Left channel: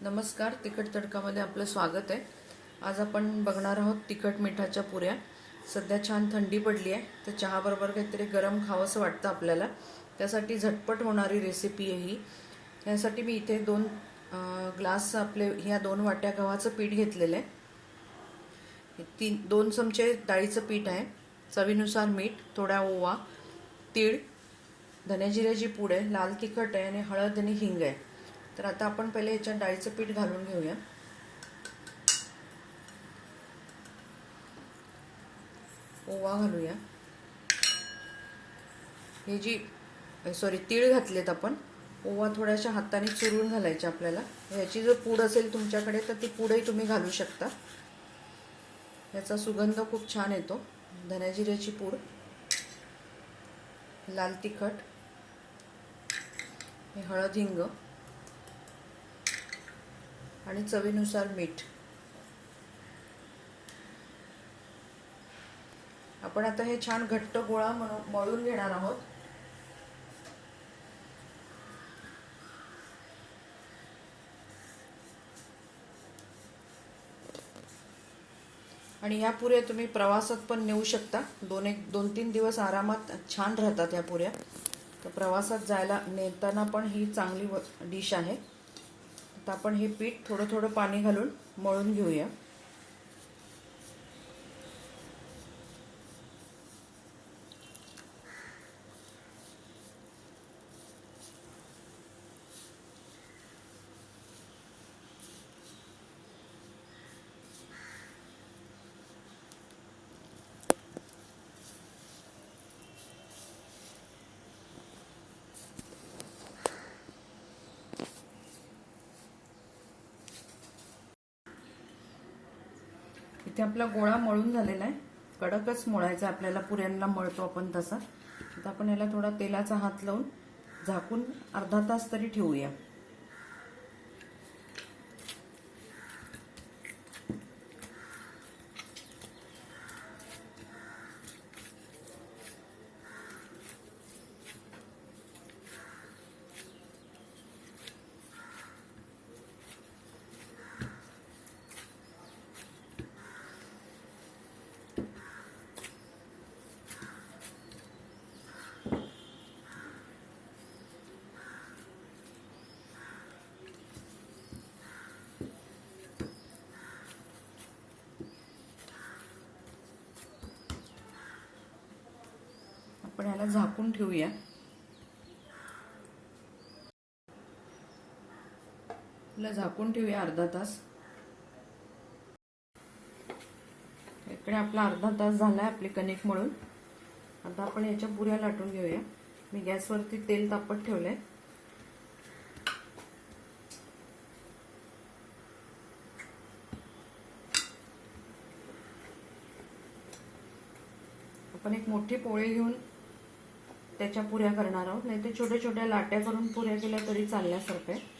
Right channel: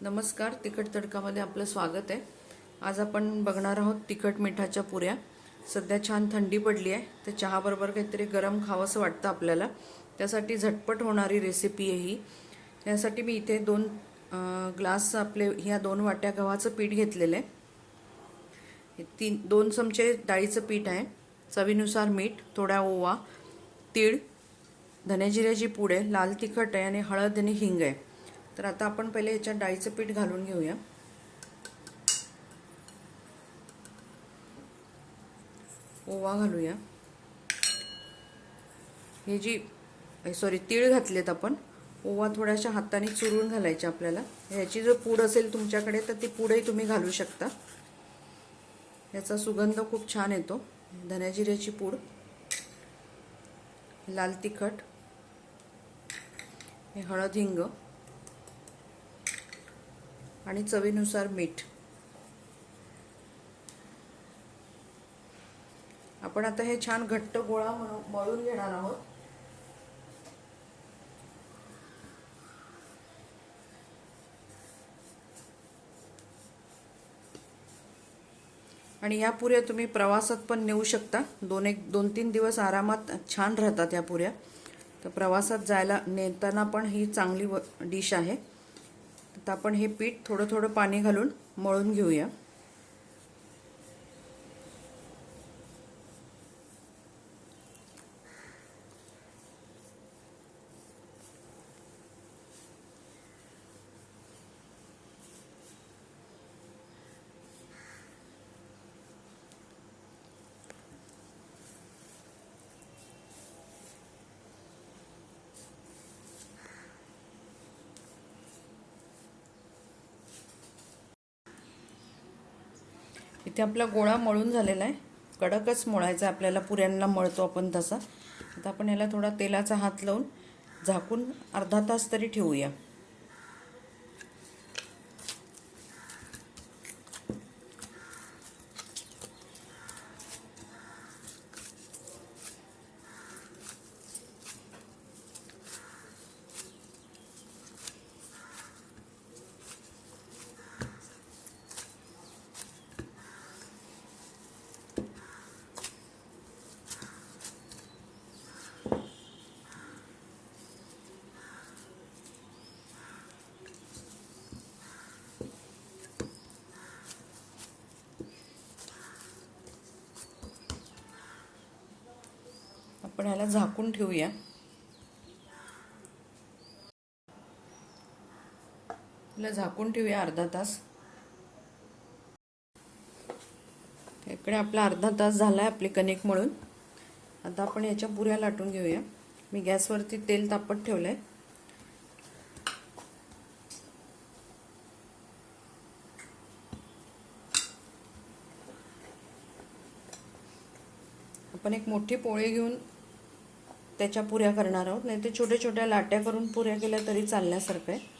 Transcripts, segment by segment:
नमस्कार, तिखट तडकामध्ये आपलं स्वागत आहे। आज आपण बघणार आहोत तिखट मिठाच्या पुऱ्या। सध्या छान थंडी पडली आहे, तर चहाबरोबर काहीतरी गरम खावंसं वाटतं आपल्याला। त्यासाठी झटपट होणारी रेसिपी आहे ही। यासाठी मी इथे 2 ग्लास आपले ह्या 2 वाट्या गव्हाचं पीठ घेतलेलं आहे। 2 चमचे डाळीचं पीठ आहे, चवीनुसार मीठ, थोडा ओवा, तीळ, धने जिऱ्याची पूड आहे, लाल तिखट आहे आणि हळद आणि हिंग आहे। तर आता आपण पहिले याच्यात डाळीचं पीठ घालून घेऊया। ओवा घालूया। हे जी तीळ घातलेत आपण। ओवा थोड्याशा हाताने चुरून घालायचे आपल्याला। याची जर पूड असेल तुमच्याकडे तर ती पूडही तुम्ही घालू शकता। याचा सुगंध खूप छान येतो। धने जिऱ्याची पूड, लाल तिखट, हे हळद, हिंग आणि चवीनुसार मीठ। आपण आता हे छान घट्ट गोळा मळून घेणार आहोत। आणि या पुऱ्या तुम्ही प्रवासात पण नेऊ शकता। 2-3 दिवस आरामात छान राहतात या पुऱ्या। तर प्रवासात जायला नेताना पण ही चांगली डिश आहे। तर आपण हे पीठ थोडं थोडं पाणी घालून मळून घेऊया। इथे आपला गोळा मळून झालेला आहे। कडकच मळायचा आपल्याला, पुऱ्यांना मळतो आपण तसा। आता आपण याला थोडा तेलाचा हात लावून झाकून अर्धा तास तरी ठेवूया। आपण याला झाकून ठेवूया। याला झाकून ठेवूया अर्धा तास। इकडे आपला अर्धा तास झालाय आपले कणिक मळून। आता आपण याच्या पुऱ्या लाटून घेऊया। मी गॅसवरती तेल तापत ठेवलंय। आपण एक मोठी पोळी घेऊन त्याच्या पुऱ्या करणार आहोत, नाही ते छोट्या छोट्या लाट्या करून पुऱ्या केल्या तरी चालण्यासारखं आहे।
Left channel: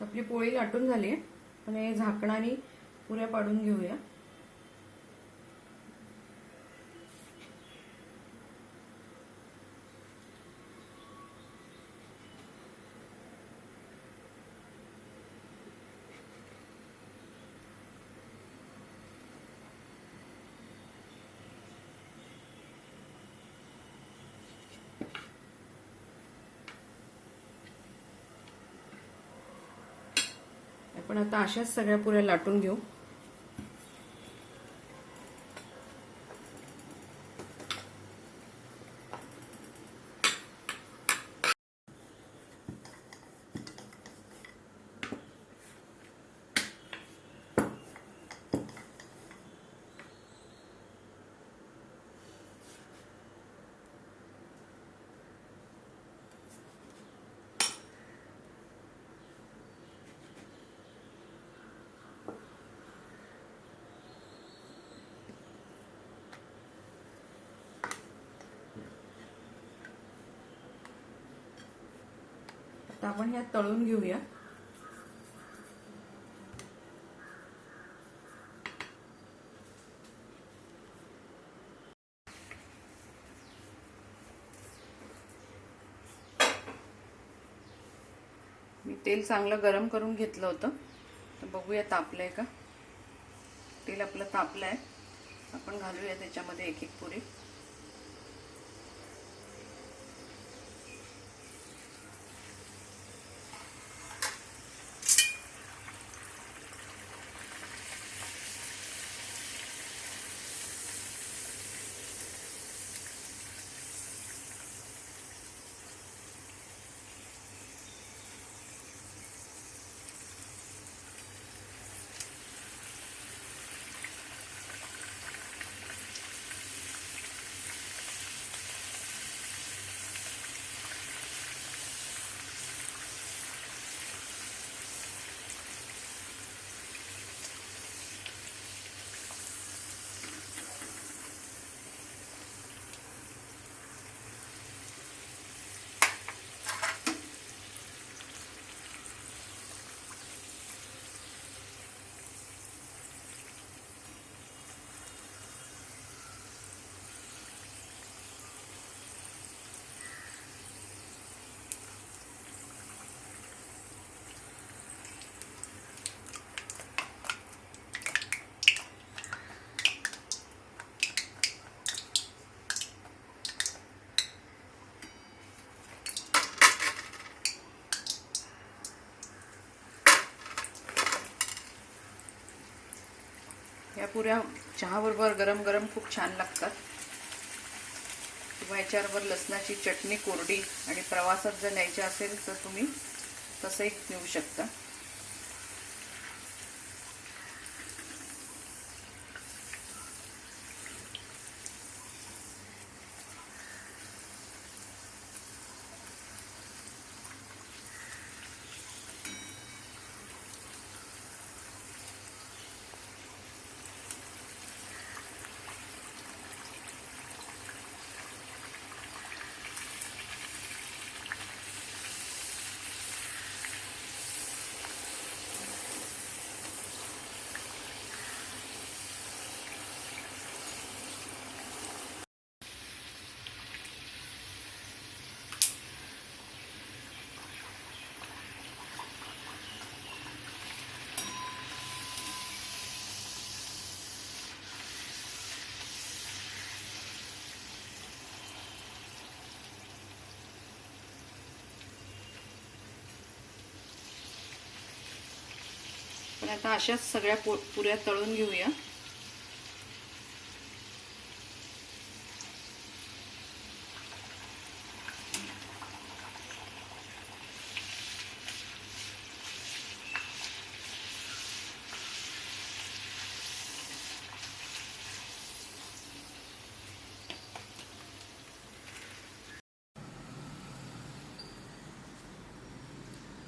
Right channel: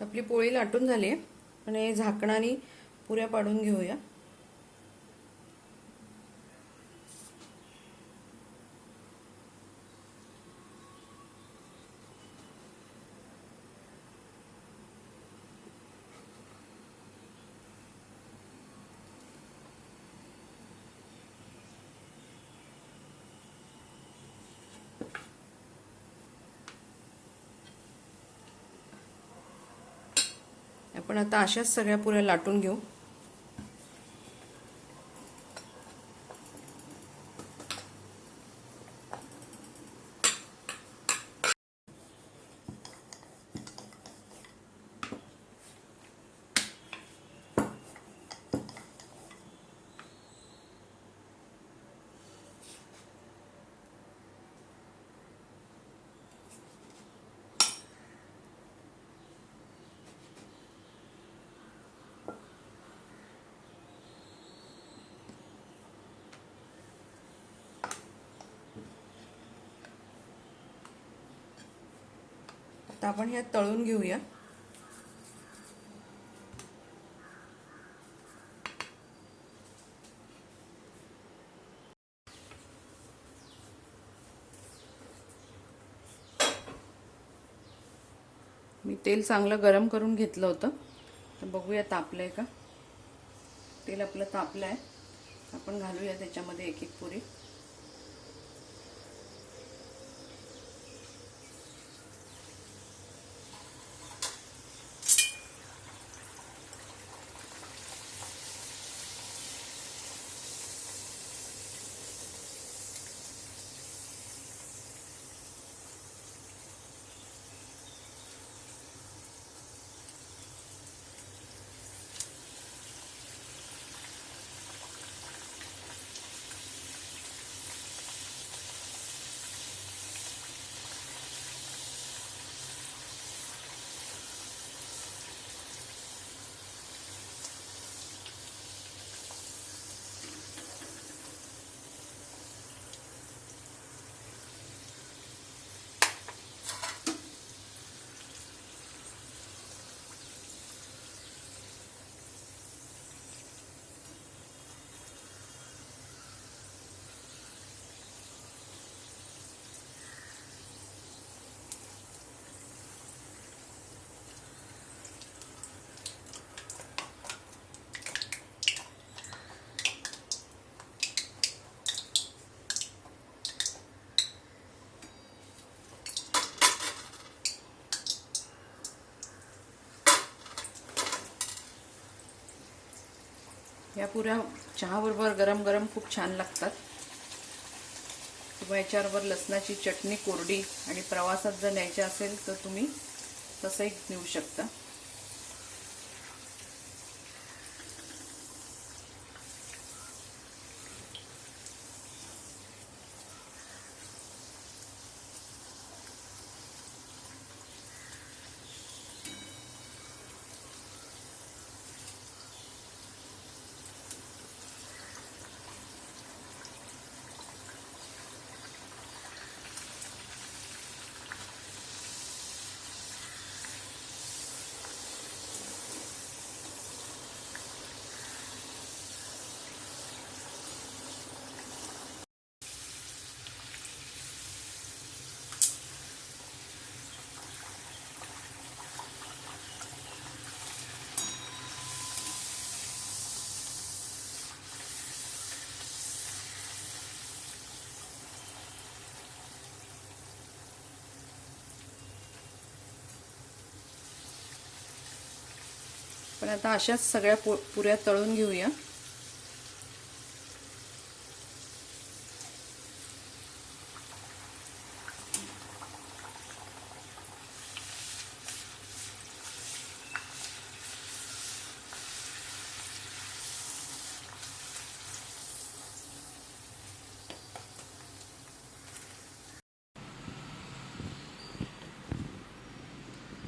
आपली पोळी लाटून झाली आहे आणि झाकणाने पुऱ्या पाडून घेऊया। आपण आता अशाच सगळ्या पुऱ्या लाटून घेऊ। तर आपण ह्या तळून घेऊया. मी तेल चांगलं गरम करून घेतलं होतं. तर बघूया तापलंय का. तेल आपलं तापलं आहे. आपण घालूया त्याच्यामध्ये एक एक पुरी. या पुऱ्या चहाबरोबर गरम गरम खूप छान लागतात. किंवा याच्याबरोबर लसणाची चटणी कोरडी आणि प्रवासात जर न्यायची असेल तर तुम्ही तसंही नेऊ शकता. पण आता अशाच सगळ्या पुऱ्या तळून घेऊया.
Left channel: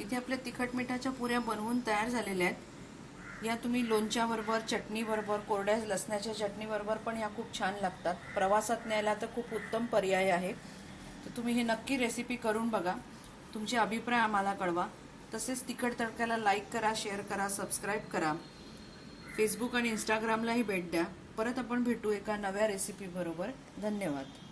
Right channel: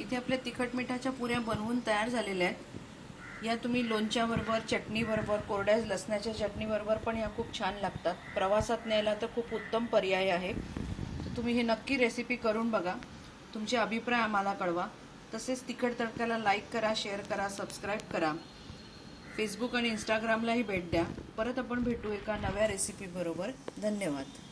इथे आपल्या तिखट मिठाच्या पुऱ्या बनवून तयार झालेल्या आहेत. या तुम्ही लोणच्याबरोबर, चटणीबरोबर, कोरड्या लसणाच्या चटणीबरोबर पण या खूप छान लागतात. प्रवासात न्यायला तर खूप उत्तम पर्याय आहे. तर तुम्ही हे नक्की रेसिपी करून बघा. तुमचे अभिप्राय आम्हाला कळवा. तसेच तिखट तडक्याला लाईक करा, शेअर करा, सबस्क्राईब करा. फेसबुक आणि इंस्टाग्रामलाही भेट द्या. परत आपण भेटू एका नव्या रेसिपी बरोबर. धन्यवाद.